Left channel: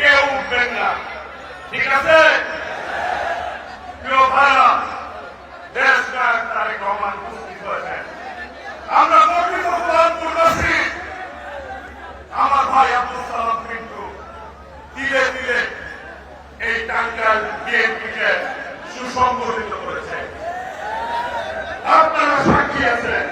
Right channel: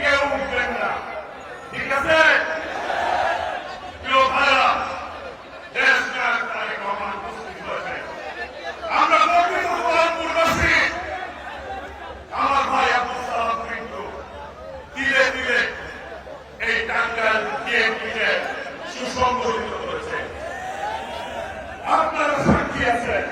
কেউ উঠবেন না। ঠিক আছে? আমরা কিন্তু সুসংগঠিত করেছে আপনারা সাক্ষী আছেন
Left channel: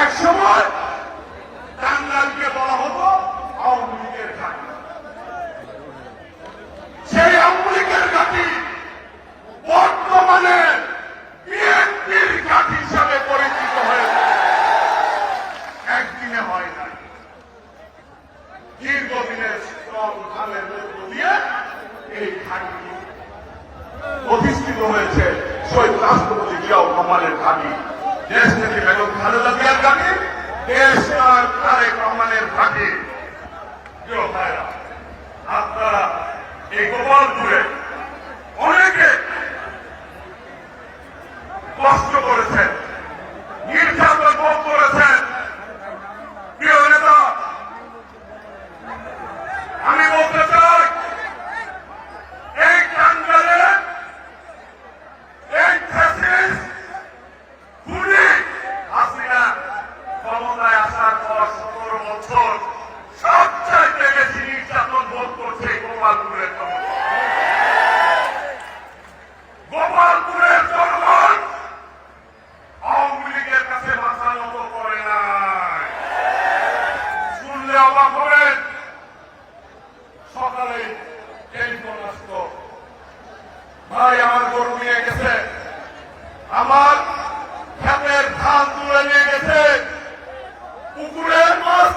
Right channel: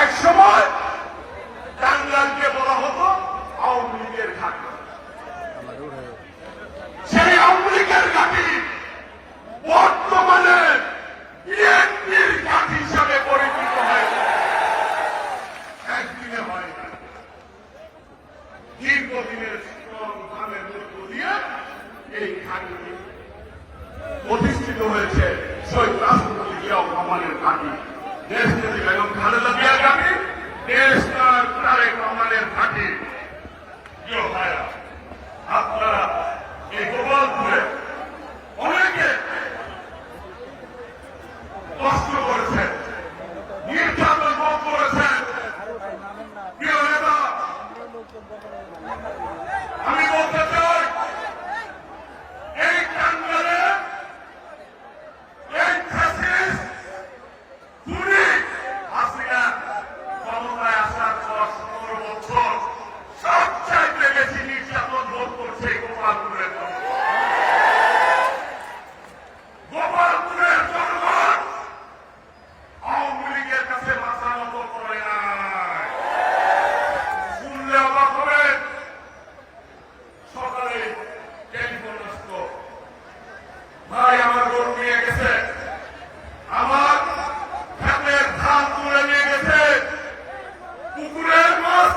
এক সময় টাঙ্গাইলকে বলা হতো আওয়ামী লীগের ঘাটি সেই আওয়ামী লীগের ঘাটি বর্তমানে বিএনপির ঘাটি হিসাবে পরিচিত হয়েছে একদিনে হয় না দীর্ঘদিনের ধানের মধ্য দিয়ে আপনারা এই গোপালপুরে অনেকে কষ্ট করেছেন নির্যাতন ভোগ করেছেন প্রিয় নেতা আমি বলতে চাই এই টাঙ্গালে এই ফ্যাসিস্ট খুনি হাসিনা ক্ষমতায় আসার পর সতেরো বছর সবচাইতে বেশি নির্যাতন ভোগ করছে এই গোপালপুরের জনগণ গোপালপুরের জনগণ আওয়ামী লীগের কাছে মাথা নত করে নাই শুনলে অবাক হবেন সকালে টেলিফোন আসতো ভাই আমার গরু নিয়ে গেছে। আমার ধানের ধান তুলে নিয়ে গেছে। পুকুরের মাছ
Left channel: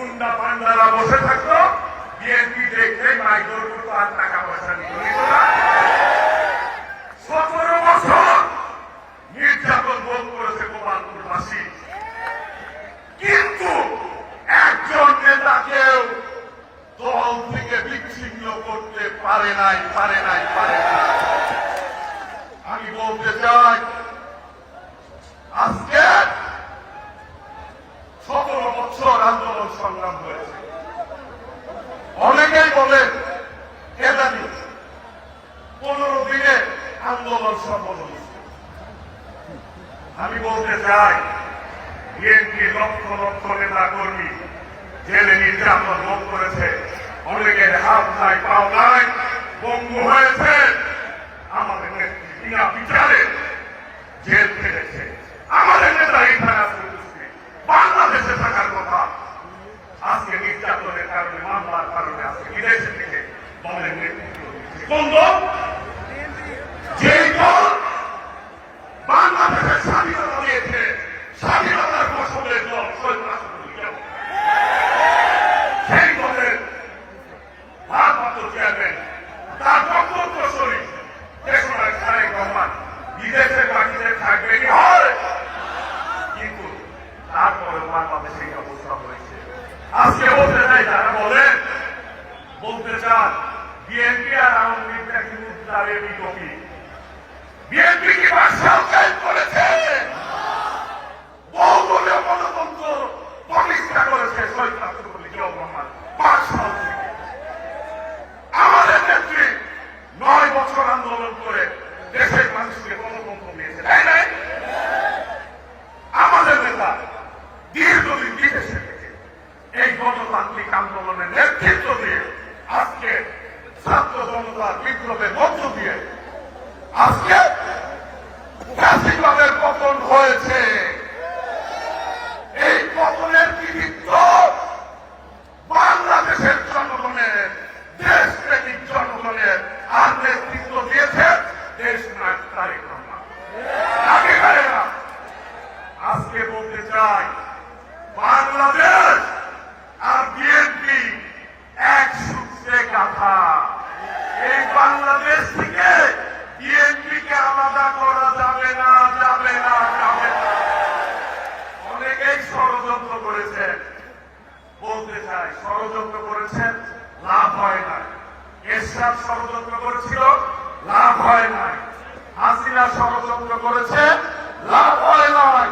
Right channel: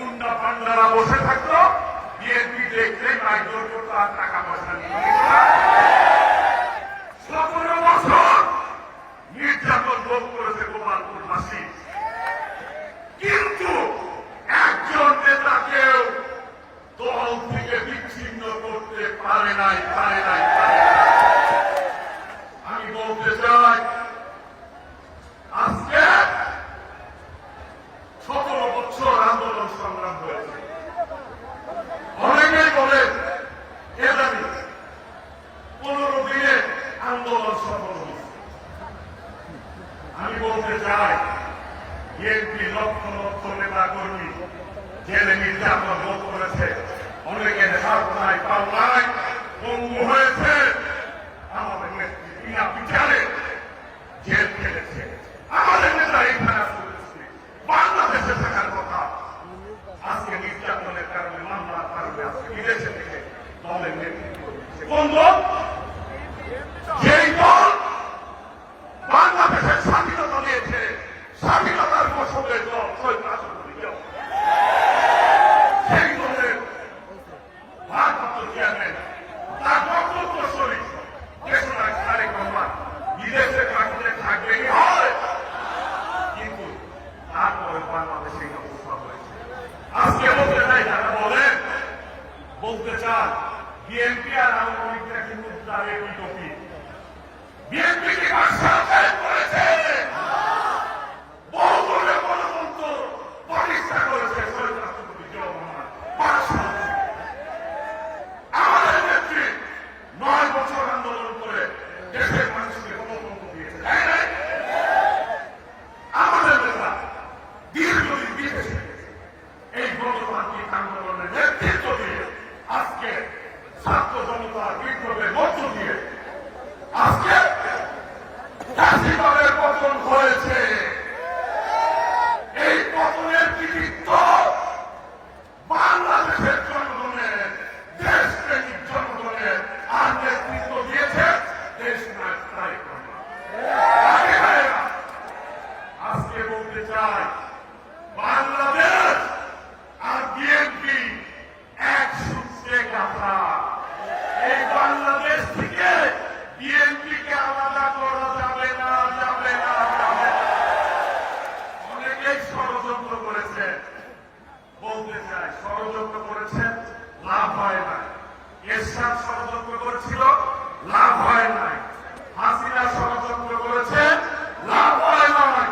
গুন্ডা পান্ডারা বসে থাকতো। বিএনপি দেখলে মাইজোর করতো, আর টাকা পয়সা নিত না। সতেরো বছর নির্যাতন ভোগ করেছে গোপালপুরবাসী। কিন্তু একজন নেতাকেও দল থেকে বিচ্ছিন্ন করতে পারে নাই পারে নাই আমি বলতে চাই আজকে সতেরো বছর আন্দোলন সংগ্রাম হয়েছে অনেকেই বলেন এটা কি পনেরো দিনে আন্দোলন সফল হয়েছে আমি বলতে চাই বিএনপি লক্ষ লক্ষ নেতা কর্মী জেলে নির্যাতন ভোগ করেছে। অনেকের হাত নাই, পাও নাই বঙ্গ হয়েছে। আমাদের নেত্রী বিনা বিচারে জেল খেটেছে। আমাদের নেতা এখানে আসতে বাংলাদেশে থাকার কথা। আজকে নির্যাতনের কারণে, মামলার কারণে আজকে বিদেশে থেকে দলের নেতৃত্ব কোন দল যেই দল বাংলাদেশের স্বাধীনতা দিয়েছে স্বাধীনতার ফসলের দল শহীদ রাষ্ট্রপতি জিয়াউর রহমান। সেই দলের ভারপ্রাপ্ত চেয়ারম্যান তার বক্তব্য শরীর দেশনায় তারেক রহমান বিদেশের মাটিতে থাকবে কি হয় কিন্তু তারপরে বাংলাদেশে এই অবস্থা হয়েছে আজকে বলতে চাই যারা বলেন বলতে চান বিএনপি আর আওয়ামী লীগটা কি উদ্ধারের টপি বিএনপি কি বাক্সায় করেছে ছাত্রজনতা কি করবে? মধ্য দিয়ে। আজকে চাষিবাদের পতন হয়েছে। এই পতনের কৃতিত্ব বাংলাদেশের জনগণের, দেশপ্রেমিক জনগণের আর না না না। না হাসিনা ষড়যন্ত্র করেছে, লাভ হয় নাই।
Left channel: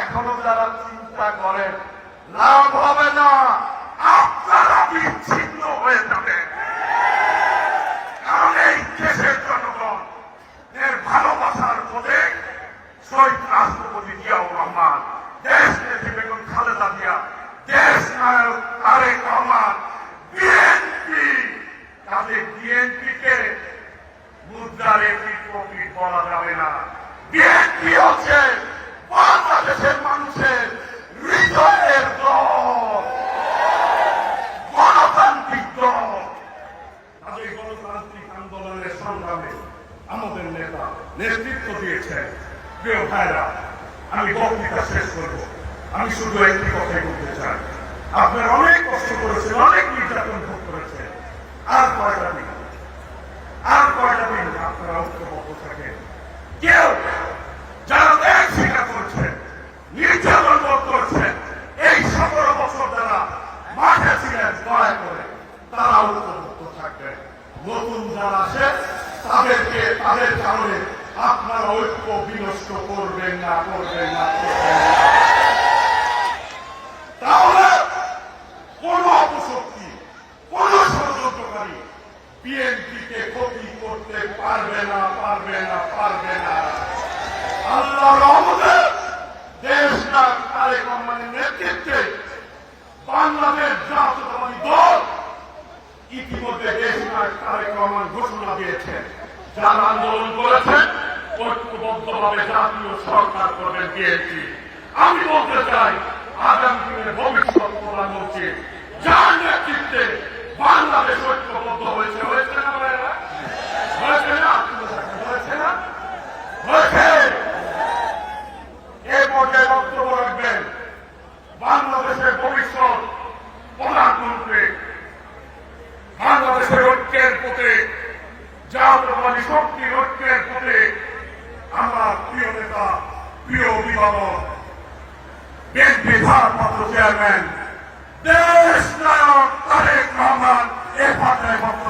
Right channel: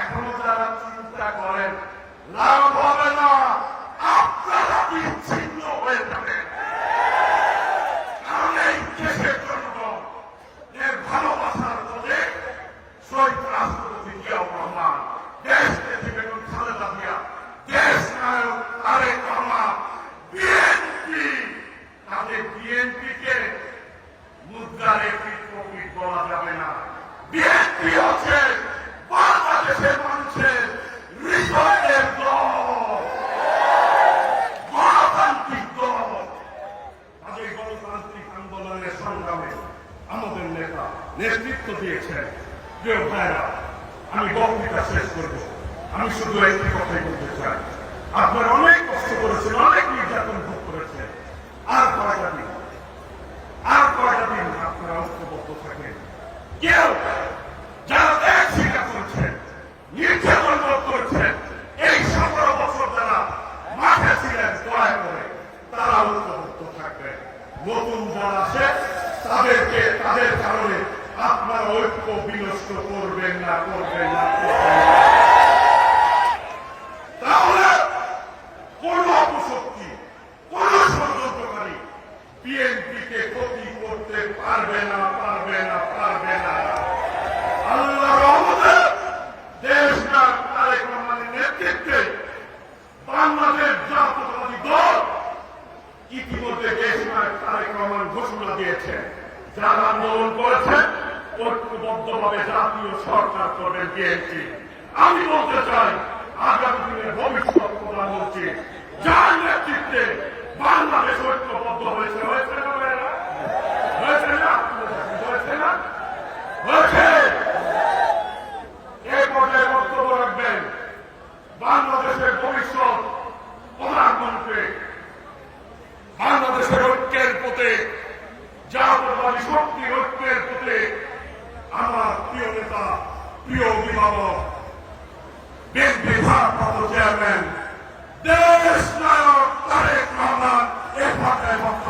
এখনও যারা চিন্তা করেন, লাভ হবে না। আপনারা বিচ্ছিন্ন হয়ে যাবেন কারণ এই দেশের জনগণ এর ভালোবাসার প্রতীক শহীদ রাষ্ট্রপতি জিয়াউর রহমান দেশ নেত্রী বেগম খালেদা জিয়া দেশ নায়ক তারেক রহমান বিএনপি তাদের বিএনপিকে মুদ্রার একটি প্রকৃত বলা যাবে না বিএনপি হচ্ছে বাংলাদেশের মানুষের হৃদয়ের দল গণতান্ত্রিক দল তাদের গণতান্ত্রিক আন্দোলনের সংগ্রামে আমাদের নেতা নেতৃত্ব দিয়েছেন। প্রিয় ভাইরা, আমি বক্তৃতা শেষ করব। আমি শুধু একটি কথাই বলতে চাই। আপনার অনেক কষ্ট করেছেন, অনেক নির্যাতন ভোগ করেছেন। আর কয়টা দিন? আর কয়টা দিন আপনারা ঐক্যবদ্ধ থাকেন? কেউ যারা ত্যাগ স্বীকার করেছেন নির্যাতন ভোগ করেছেন এই সতেরো বছর যারা মাঠে ছিলেন দয়া করে তারা ঐক্যবদ্ধ থাকবেন নতুন যারা আছে তাদেরকে তাদের কারণে আপনারা ঐক্য বিনষ্ট করবেন না করবেন না না। তাহলে কোন অপশক্তি কোন ষড়যন্ত্রকারী বিএনপিকে ক্ষতি করতে পারবে না পারবে না পারবে না। আল্লাহ দেশ না তারেক রহমানের নেতৃত্বে বাংলাদেশ জাতীয়তাবাদী দল ইতিমধ্যে দেশ নায়ক তারেক রহমান ঘোষণা দিয়েছেন। যারা আন্দোলন করেছেন, ঐক্যবদ্ধভাবে জাতীয় সরকার করবেন বিএনপি। আমি বলতে চাই, আগামী দিনের ভবিষ্যৎ প্রধানমন্ত্রী যার নেতৃত্বে বাংলাদেশ ঐক্যবদ্ধ হয়েছে হয়েছে না? আমার প্রিয় নেতা, প্রিয় অভিভাবক ব্যক্তি ভারপ্রাপ্ত চেয়ারম্যান দেশ নায়ক তারেক রহমান এ পাতায় বক্তব্য